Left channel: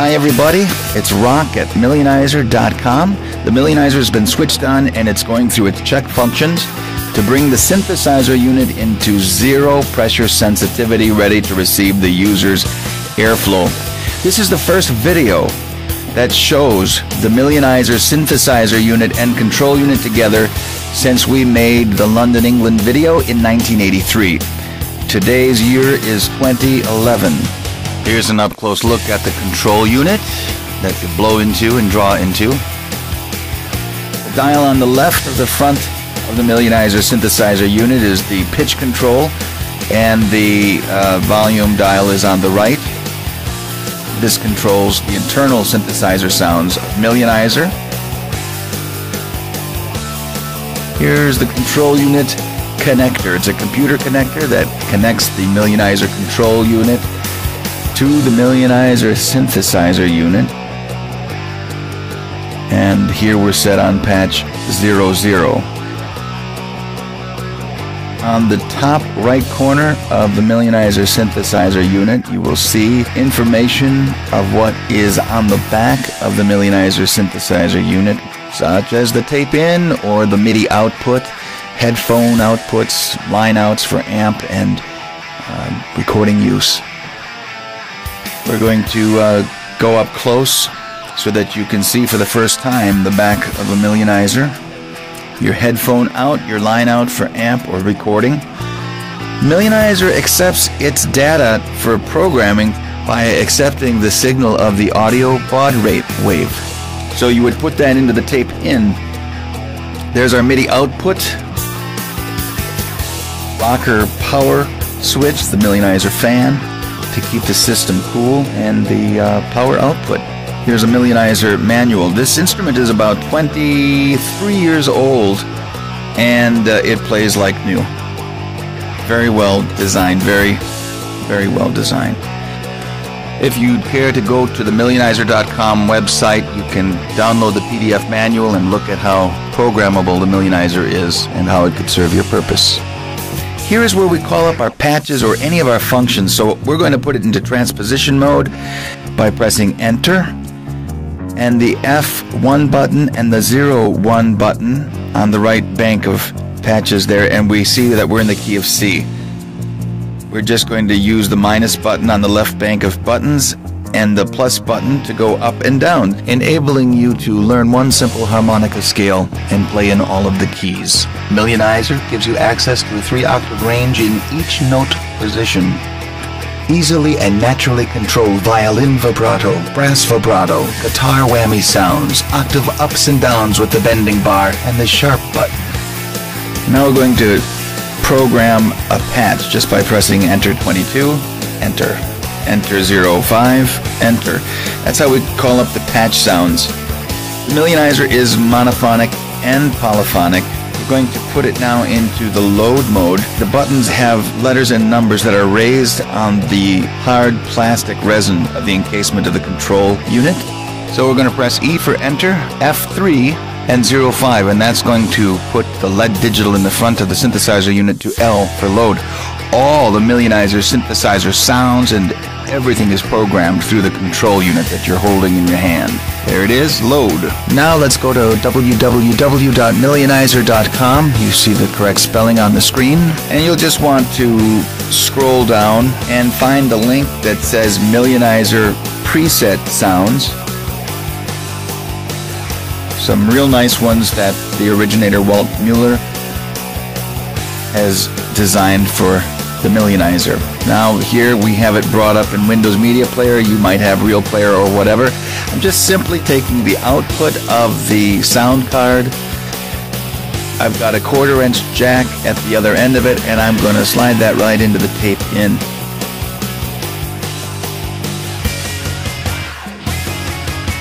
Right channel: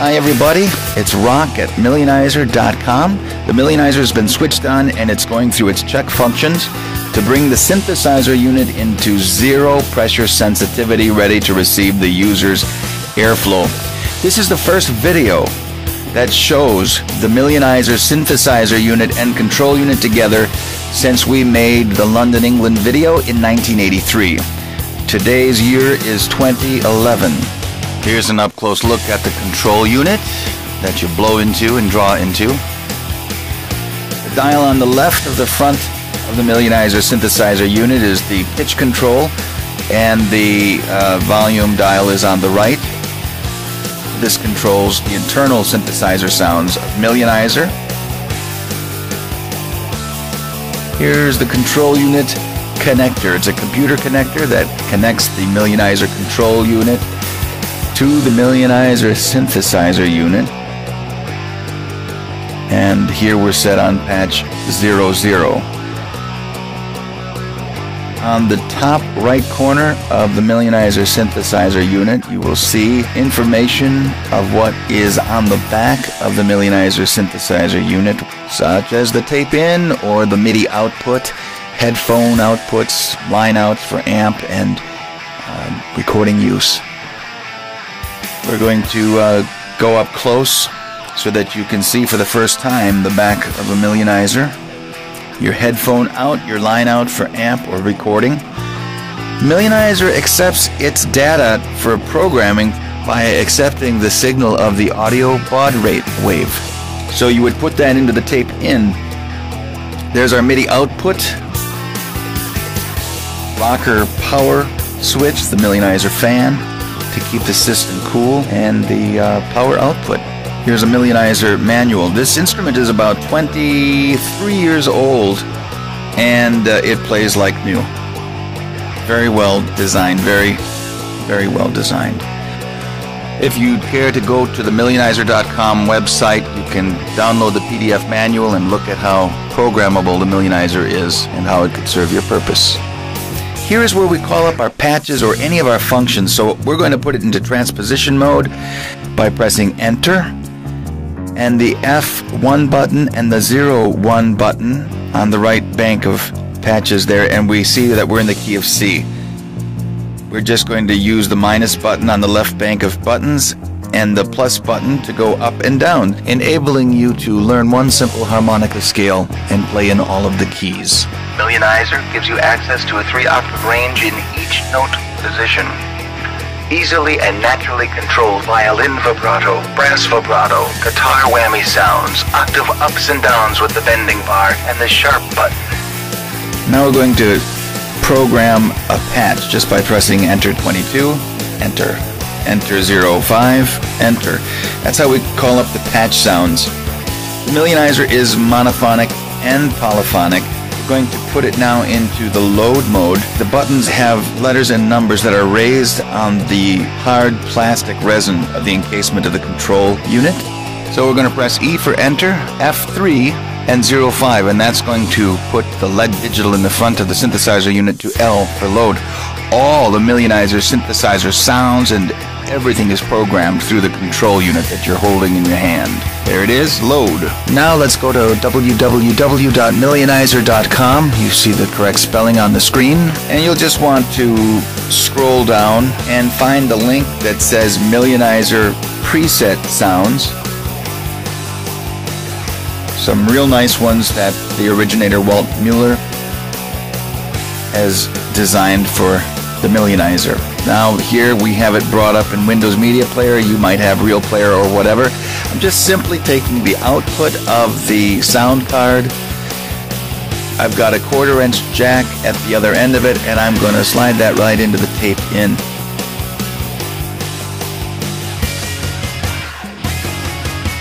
Hi everybody, it's Rock at Millioniser.com. The Millioniser has been switched on and it's going through its check functions to bring the synthesizer unit into zero pressure sensitivity, ready to receive the user's airflow. This is the first video that shows the Millioniser synthesizer unit and control unit together since we made the London, England video in 1983. Today's year is 2011. Here's an up-close look at the control unit that you blow into and draw into. The dial on the left of the front of the Millioniser synthesizer unit is the pitch control, and the volume dial is on the right. This controls the internal synthesizer sounds of Millioniser. Here's the control unit connector. It's a computer connector that connects the Millioniser control unit to the Millioniser synthesizer unit, and here we're set on patch 00. On the top right corner of the Millioniser synthesizer unit, you will see information of what is on the back of the Millioniser synthesizer unit, such as the tape in or the MIDI output, headphone outputs, line outs for amp and recording use. We're going to go up close so that you can see for the first time the back of a Millioniser. Your headphone out, your line out for amp or recording. Millioniser accepts its data for programming by accepting the signal of the audio baud rate wave. So you would put that into the tape in. There's our MIDI output, rocker power switch, the Millioniser fan to keep the system cool, and the power output. Here's a Millioniser manual. This instrument is about 23 years old, and it plays like new. Very well designed, very well designed. If you'd care to go to the Millioniser.com website, you can download the PDF manual and look at how programmable the Millioniser is and how it could serve your purpose. Here's where we call up our patches or any of our functions. So we're going to put it into transposition mode by pressing Enter, and the F1 button and the 0-1 button on the right bank of patches there, and we see that we're in the key of C. We're just going to use the minus button on the left bank of buttons and the plus button to go up and down, enabling you to learn one simple harmonica scale and play in all of the keys. Millioniser gives you access to a 3-octave range in each note position. Easily and naturally control violin vibrato, brass vibrato, guitar whammy sounds, octave ups and downs with the bending bar and the sharp button. Now we're going to program a patch just by pressing Enter 22, Enter. Enter 05, Enter. That's how we call up the patch sounds. Millioniser is monophonic and polyphonic. We're going to put it now into the load mode. The buttons have letters and numbers that are raised on the hard plastic resin of the encasement of the control unit. So we're going to press E for Enter, F3, and 05, and that's going to put the LED digital in the front of the synthesizer unit to L for load. All the Millioniser synthesizer sounds and everything is programmed through the control unit that you're holding in your hand. There it is, load. Now let's go to www.millioniser.com. You see the correct spelling on the screen, and you'll just want to scroll down and find the link that says Millioniser preset sounds. Some real nice ones that the originator Walt Mueller has designed for the Millioniser. Now here we have it brought up in Windows Media Player. You might have Real Player or whatever. I'm just simply taking the output of the sound card. I've got a 1/4-inch jack at the other end of it, and I'm going to slide that right into the tape in.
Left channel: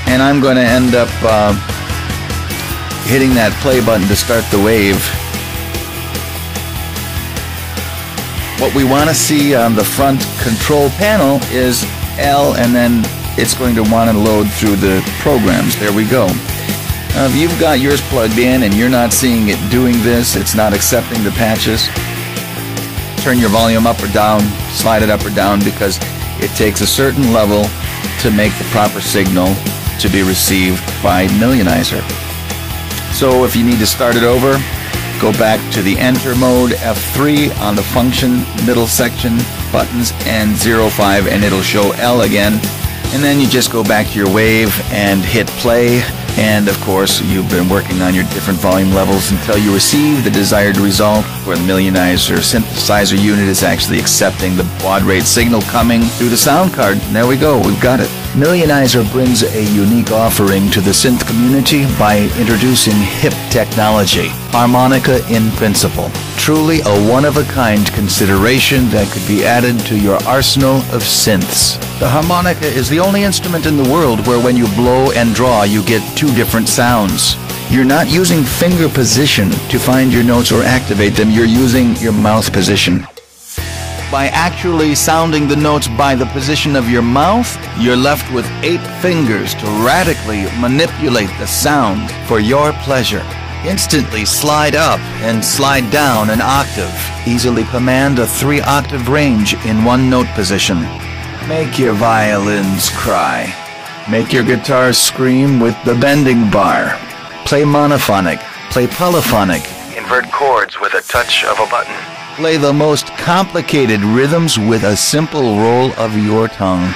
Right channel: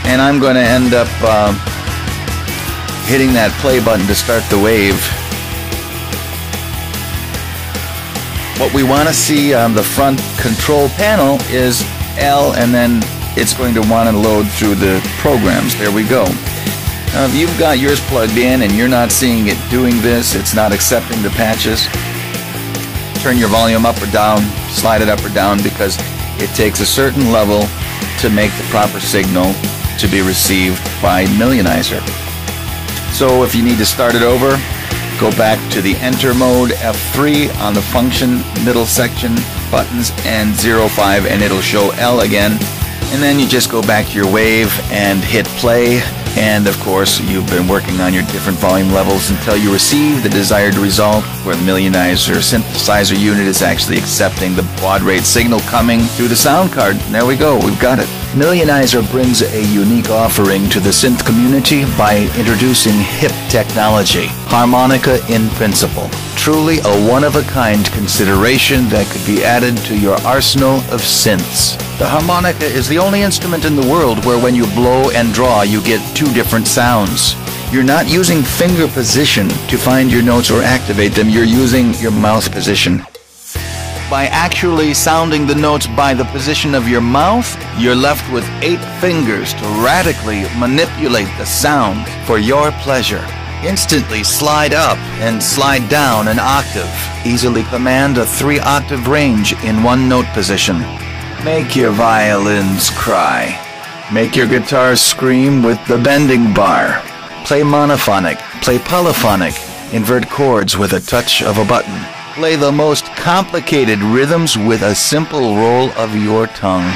And I'm going to end up hitting that play button to start the wave. What we want to see on the front control panel is L, and then it's going to want to load through the programs. There we go. Now if you've got yours plugged in and you're not seeing it doing this, it's not accepting the patches, turn your volume up or down, slide it up or down, because it takes a certain level to make the proper signal to be received by Millioniser. So if you need to start it over, go back to the enter mode, F3 on the function middle section, buttons, and 05, and it'll show L again. And then you just go back to your wave and hit play. And of course, you've been working on your different volume levels until you receive the desired result, where the Millioniser synthesizer unit is actually accepting the baud rate signal coming through the sound card. And there we go, we've got it. Millioniser brings a unique offering to the synth community by introducing hip technology, harmonica in principle. Truly a one-of-a-kind consideration that could be added to your arsenal of synths. The harmonica is the only instrument in the world where when you blow and draw you get two different sounds. You're not using finger position to find your notes or activate them, you're using your mouth position. By actually sounding the notes by the position of your mouth, you're left with 8 fingers to radically manipulate the sound for your pleasure. Instantly slide up and slide down an octave. Easily command a 3-octave range in one note position. Make your violins cry. Make your guitar scream with the bending bar. Play monophonic, play polyphonic, invert chords with a touch of a button. Play the most complicated rhythms with a simple roll of your tongue.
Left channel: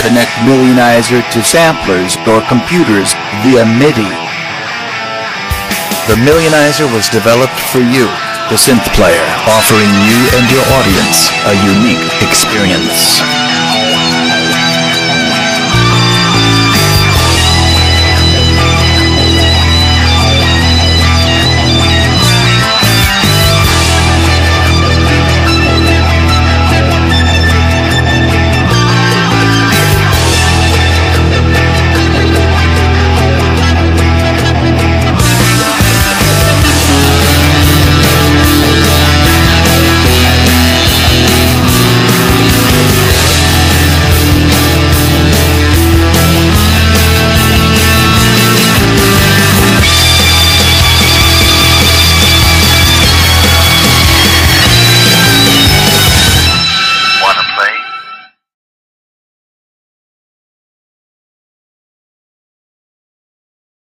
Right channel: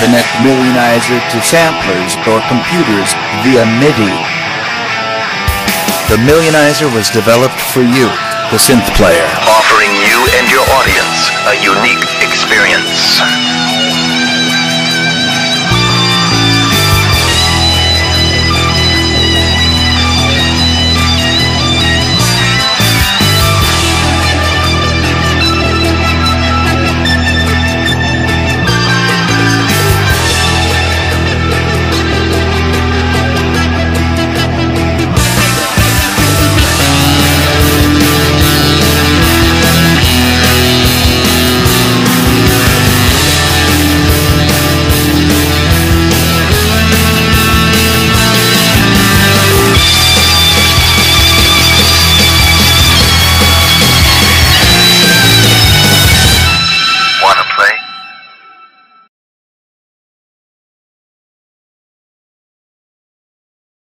Connect Millioniser to samplers or computers via MIDI. The Millioniser was developed for you, the synth player, offering you and your audience a unique experience.